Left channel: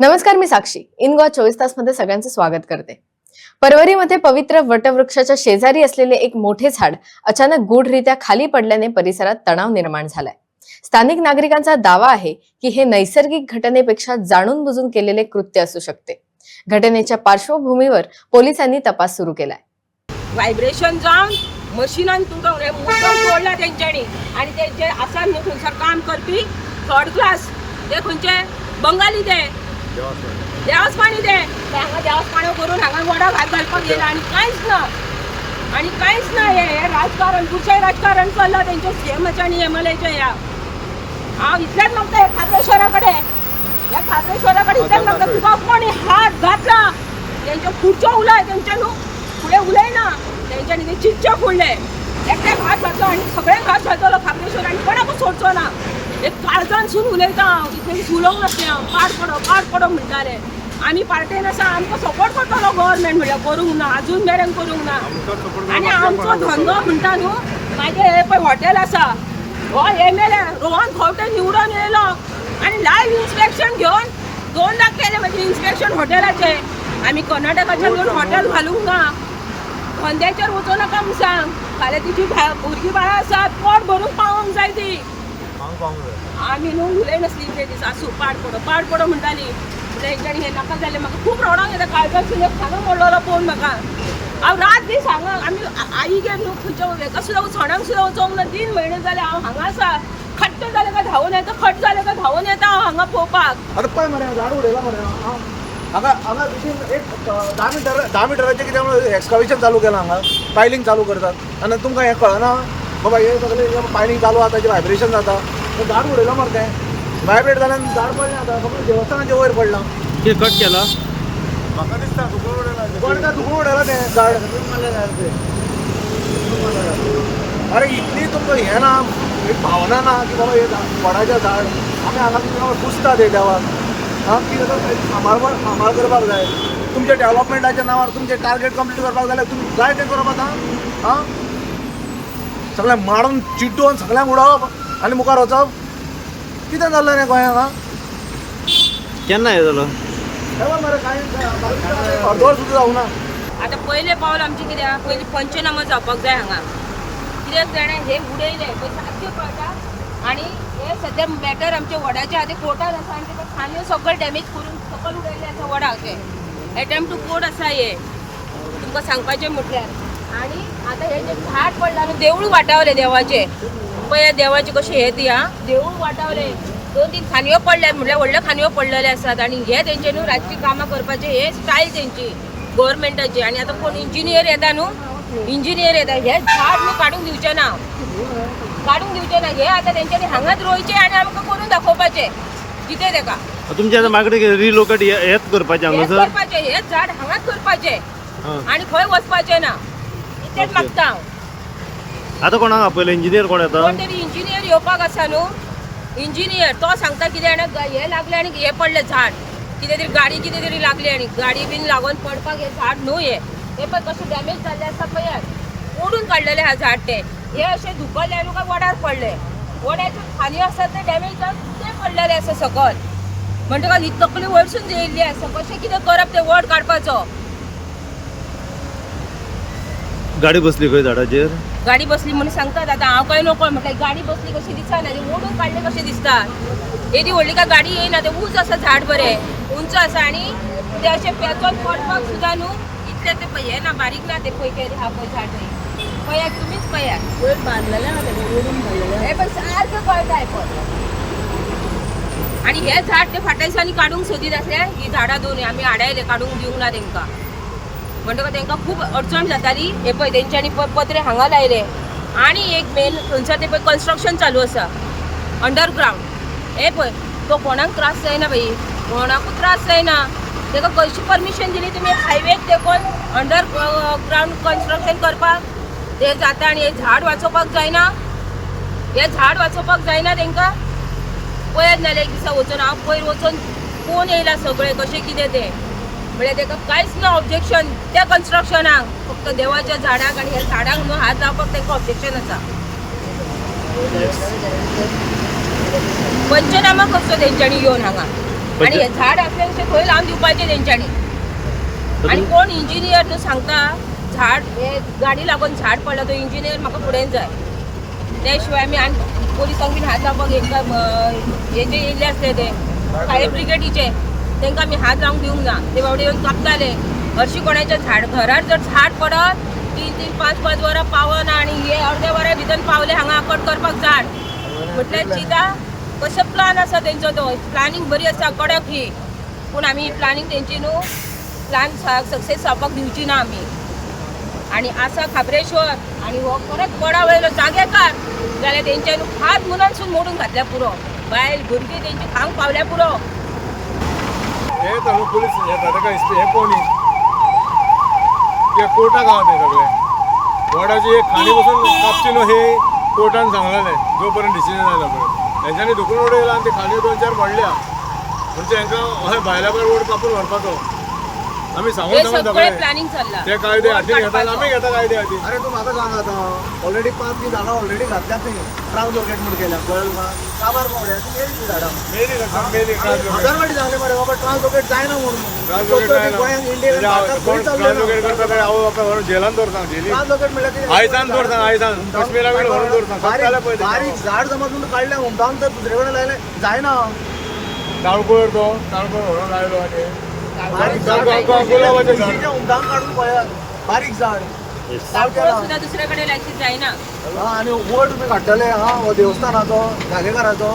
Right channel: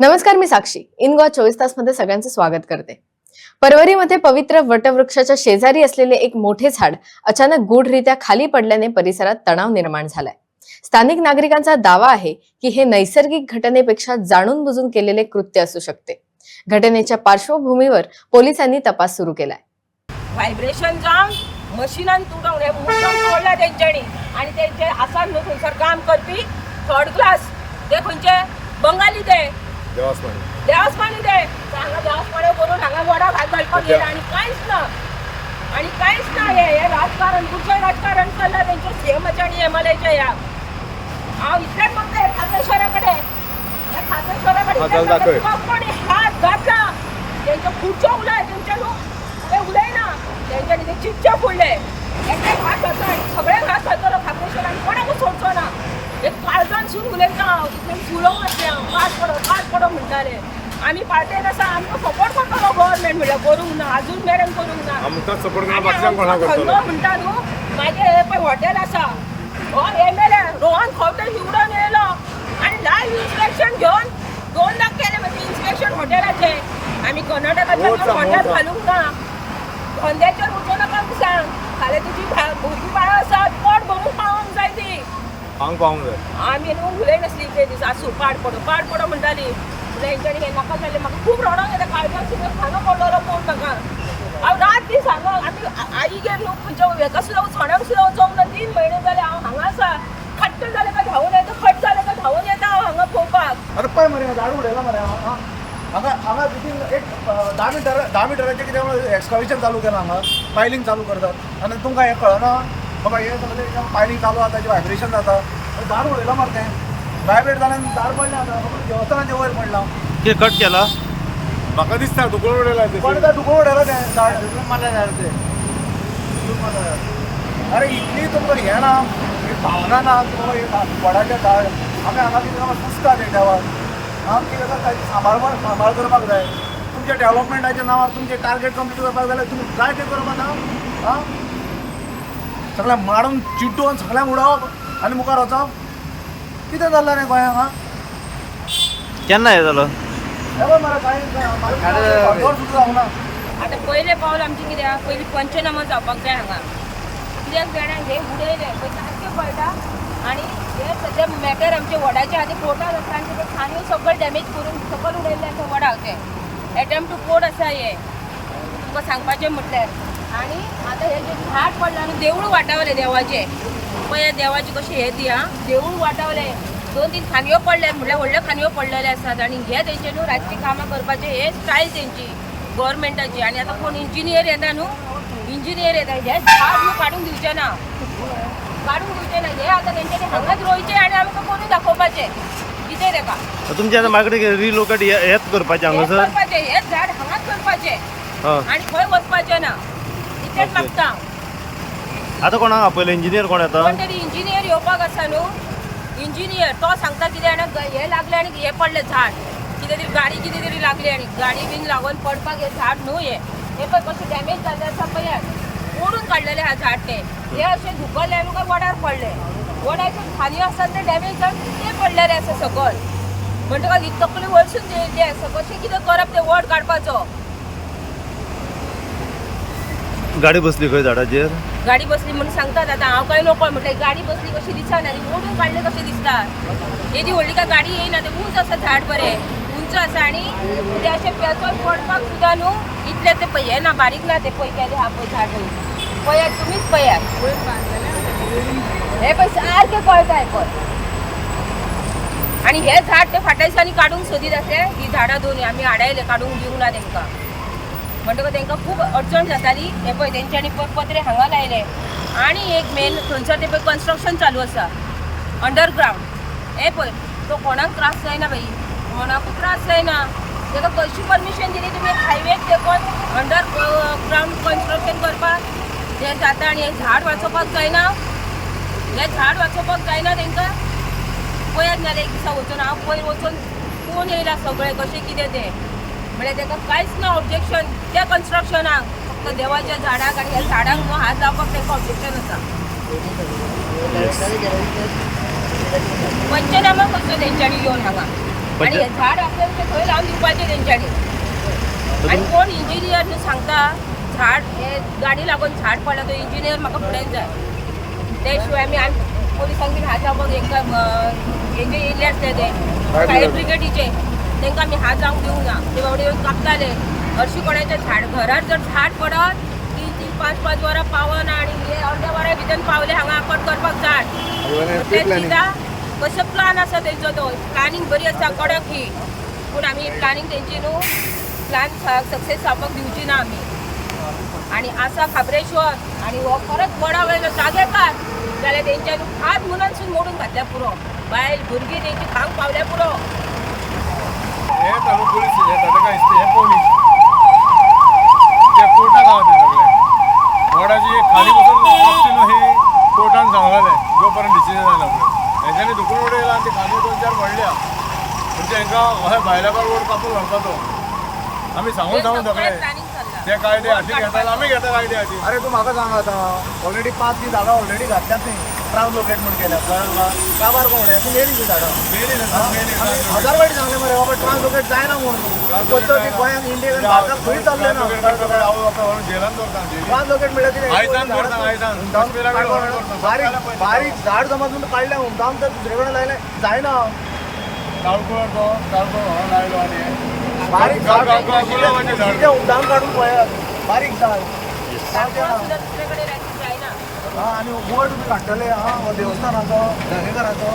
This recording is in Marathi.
नमस्कार मी साक्षी. इन गोवा चोवीस तासमध्ये सगळ्यांचं स्वागत करते. परवरीमध्ये पवित्र वटवृक्षाच्या शेजारी असलेले एक मोठे झाड अचानक गूढरित्या खाली पडल्याने परिसरात तणाव निर्माण झालाय. स्थानिक नागरिकांचा दावा आहे की हे नैसर्गिक घटनेपेक्षा जाणून बुजून केलेले कृत्य असू शकते. घटनेच्या पार्श्वभूमीवर पोलिसांनी तपास सुरू केलाय. व्हायब्रेशन जाऊन मशिनान तुटून हे मुद्दम तोडला त्यांच्यानी. आणि त्यांचे आसान आसा न्हू थंयसर काम करपी थर्ड क्लास ते खंयचे बंगाली ते देवासपाणी ते ते हांगा देवासपाण्यो करून हांगा वडा भात घालपाक येयला आणि कांयच ना. आणि कांयच ना हे हे राजकारण कुठचें राजकारण चल्लां तेंच्या सीएमाचें आनी एम एल एच्या ह्या हांव इतलेंच मागता हे खात्रेश्वरा कडेन ह्या खात्रेश्वरा कडेन इतलेंच मागता तुका कोणी हात घातला. तेंच्यो खुर्च्यो उलय तेंचे न्हू फुडें उलयना तेंच्यांनी ते चिच्चे फोडले एकट्याक हात घातलो आनी सगळ्यांक हात घातलो खात्रेश्वर आनी कोणाकूच सोडचो ना? एक काळजानसून उलयता हांव इतलें उलोवंक नासलें हांव. पाड पडो पाड पडो म्हणटाले. आमी पार्टेन आसा आमकां सपोर्ट करतलो गव्हर्मेंट म्हणल्यार करूंक ना आजून मेरेन करूंक ना. आनी आमचो धंदो म्हणटा न्हू म्हाजें हे पळय हॉटेल आसा. हो M L A Rohan Khaunte निवडून येयलो. आनी लायव्ह इन्स्पेक्शन घेवन दोन लाख केले म्हणजे इन्स्पेक्शन हॉटेलाचे आमी कर्नाटकाच्यान येवन हॉटेल घालूंक ना. धंद्याचेर वचूं नाका म्हूण सांग फाल्यां तिची भुरगीं बाळां आसात पोट ती हांग पावूंक जाय. आमी न्हू उलयनासली ते दीस आसूं पाड पडो पाड पडो म्हणटाली म्हणल्यार हेंच्यांनी हें नाका जालें म्हाका खूब रडोंक येता काळजासून खानो मोडलेलो पळोवन म्हाका हांव रात दीस हांगा आमी आ- आईगेर न्हू खंयच्या हेका सुद्दां सणांक सुद्दां वचोंक ना तीन म्हयने जाले हांव हांगा आसा खट्ट जालें काय धांवून येता? खट जालें काय धांवून येता? हांव हांगा पळोवपाक आता पळय मरे झाड उडयला मरे. हां हांगा हांगा भितर एक धा मिटर धा मिटराचें कितें म्हणून एक्सकावेशन चालू केलां हांगा. पायलिंग चालू करतात. आनी तुमकां हें कळना. बाबा हे सगळें पायलिंग चालू आसा ताचें व्हायब्रेशन जाता तें झाड उडयलां मरे तें. व्हायब्रेट जाल्यान झाड पडलें आतां सगळें देवस्थानाच्या वयर पडलां. कितें कट केला. म्हाका दिसता तुका उडयला कोण काय दुखून उडयलां तें झाड. अरे इतली तुमकां हें ना एक भावना ना की बाबा हे वडाचें झाड आमी हांगा कितें हांगा पुजता ते देवाक हां कितें तर ताची सांबाळ सांबाळ करपाक जाय. तुमच्या डेव्हलपमेंटाच्या नांवार तुमचे टार्गेट कंप्लीट करपाक जाल्यार तुमी जाय तें करप आतां हां? सगळ्यांक मारून चिड्डून सगळ्यांक उडोवप आनी मुखार वचप कितें जाल्लें रे गोंयांक हां केन्ना हें जालो हे पळय मरे कांय अर्दवर सुद्दां जावना आतां पयलें पावल आमचें कित्याक पयलीं पंचनामा जावपाक जाय हांगा. कित्याक जाणा हे उडयले पळय सारकें कळटा आनी हे सद्या मॅटर आमचे वडाचे आहा ते कोर्टान आसा आनी ते खांद्यो सगळे डॅमेज करून सकयल उडयल्ले आसा वडाचे. एटेम्प टू कोर्ट आसा हे तुमकां सांगपाचें म्हटल्यार आनी आतां हे जे झाड पडला न्हू देवूळ वाटावले देवाचे. हे देवाचे कशें हे ती आं देवूळ वाटावले. दोन तीन खांदयो पडल्यात म्हटल्यार व्हडल्यो खांदयो पडलेले आसात आनी हे तेंचे न्हू रातची कामां करपाचे हे स्टायल तेंची गव्हर्मेंटाची आनी आतां कोण इंजिनियर येता न्हू? इंजिनियर येता. हे झाड न्हू काडूंक दिवचे ना. काडूंक दिवचे ना. हे आतां तेंच्यांनी हांगाच रोयचे आनी आमकां करून दाखोवपाचे. कितें तेका तुमचे आतां म्हाका रिलोकेट हेच करपाचें हेच हांगासर करपाचे हेच झाड हांगाच करपाचे. आनी खंय वचपाचे ना. इतलेंच Okay. मागता हांव. आतां कोणाक आपयलें इंजिनियर कोण येता? कोण तरी इंजिनियर येवपाक आसा न्हू? इंजिनियर तो सांगता कितें आनी हे लागले आनी हे पडले झाड. कितें तरी गाडी कितें तरी लागली आनी गाडी बीन लागून पडपाक हे झाड न्हू हे. हे पळय कशें डॅमेज जाल्ले आसा पळयात ओडून काडलेले हा झाड ते. हे अशे धुकल्ले न्हू काय वडार पडले. वडाचे खांदयो आसात ते डॅमेज जावन ते पडलेले आसा सकल. म्हणटकच ही तकली वयरसून येयल्ली आसा. कशें कितें करप ते वड काडपाचो? गाडी बसली खंय झाडाचेर गाडी बसली म्हणून सांगतात आता हांव काय नको म्हटलं गाडी बसली कशी दिसना ती ओढून काढले कशे दिसतात. येदी व्हडली काय गाडी येयना ते उंच आसा झाड बरें उंच आसा आनी ते अशे पेचोन पडपाक सुद्दां न्हू इतले ते पळय हे ना बारीक ना ते पळय ते हा पळय झाड पळय पळयात तुमीच पळयात हे पळय सारकें कळटाय पळय आनी हे झाड ते फाटल्या दिसांनी काडूंक सोदीत आसले ही झाडां दोन आमी हाडायले काडूंक दिवंक ना तेंकां म्हणटकच तांकां खूब अडचण जाताली. हे पळय तेंच्यांनी पत्र पत्रे हांगा लायले आनी एक मेन थंयसर ते पळय कन्स्ट्रक्शन चालू आसा. अंडरग्रावंड हे पळय तो कोणाक त्रास जायना बाई. कोणाकूच त्रास जायना. ताका कशी परमिशन दिली तुमी हायवेक देखून अंडर ग्रावंड कन्स्ट्रक्शन करपाक ते जाता आनी हे झाड वाचोवपाक जायना. हे झाड वाचोवपाक जायना तांकां. पळयत नाल्यार एक दिसा वचून हांव पयर वचून फोन येयला सगळे कशें कितें तें. म्हळ्यार ताका कांयच ना ऑब्जेक्शन त्या कन्स्ट्रक्शनाक फक्त देवाच्या झाडाक आनी ह्या झाडांक न्हू हात लावपाक तांकां ऑब्जेक्शन आसा येस पंचनामा कसो तेंच्यांनी येवन हांगा आणि हे झाड असल्याचे खंय लावून दिवपाचे तेंच्यांनी आणि कोण इंजिनियर न्हू सांगता झाड हे गाडी लागून झाड पडलं तो इंजिनियर म्हाका फुडें जाय. त्या शिवाय आमी आनी पोलिसांक बीन हात लावपाक हेंका हे जे येयल्ले आसले ते फायर ब्रिगेडीचे तांकां आमी हात लावंक दिवंक ना. ते बाबडे येवन कापताले. हरशीं कोणाच्या झाड घरार जर झाड पडत तीन तीन पांच पांच वरां पावना आनी हे अर्दे वरा भितर पावले हांगा कट करपाक झाड. म्हटल्यार चिता कशें प्लान आसा तेंचो तो? प्लॅनिंग बरी आसा कडक ही. पूण आमी प्लॅनिंग तेंची न्हू प्लॅन सक्सेस जावपाक दिवची ना आमी आणि आसा खाबरेश्वर. आणि हो खरोच बडा वयलो जागेकार. जाल्यार तेंचे न्हू हात मुनानसून मोडून घातल्या पुरो. बायल भुरगीं तेंची खांक पावल्या पुरो. हे पुलीस पोलीस येतात काय हे पोनी ते कोर्टाक आहा ते सगळे. वडाची एक खाली बसून कापची न्हू हे कोर्टान सांगलेले जोपर्यंत डिसिजन जायना पर्यंत हेंच्यांनी दुखून उडयला आनी ते खाली दोन चार पडल्या. म्हणजे हेंकां अशें भायल्या भायर वोट कापून व्हरपाचो आमी सांगून सांगून सगळे प्लॅनिंग चालला. ते कायदे हातीन घेतात आमी घेता कायदे हातीन अरे तू म्हाका सांग आता. ऑलरेडी पांच ती झाडां ऑलरेडी घातल्यात न्ही ट्रान्सलोकेट म्हण केल्या कळ्ळें तुका काबार कोंबड्या ती मेली ती झाडां. मेली? मेली आमी हजार फावटी सांगले मरे बाबा ट्रान्सलोकेट जायना म्हणून. गोंयांक इंडियेन भारताक खंय चालले ना जेलान दवरता ट्रान्सलोकेट म्हणल्यार कितें आयसान दवरता, आयसान. काश्मीरा कडेन व्हरून दवरता. बारीक झाड समजून काडलें हुमटावन तर दुसरे कडेन लायलें जायना. ताळकोळ तो ताळकोळ व्हरून लायलो आनी बारीक गुलाबाचें झाड. हुमटावन काडून पळयात बारीक झाड. सारकें ना. सुद्धा दुसऱ्या कडेन लायची जायना हा, आणि वड बी काडटले हा देवस्थानाचो जागेकाराचो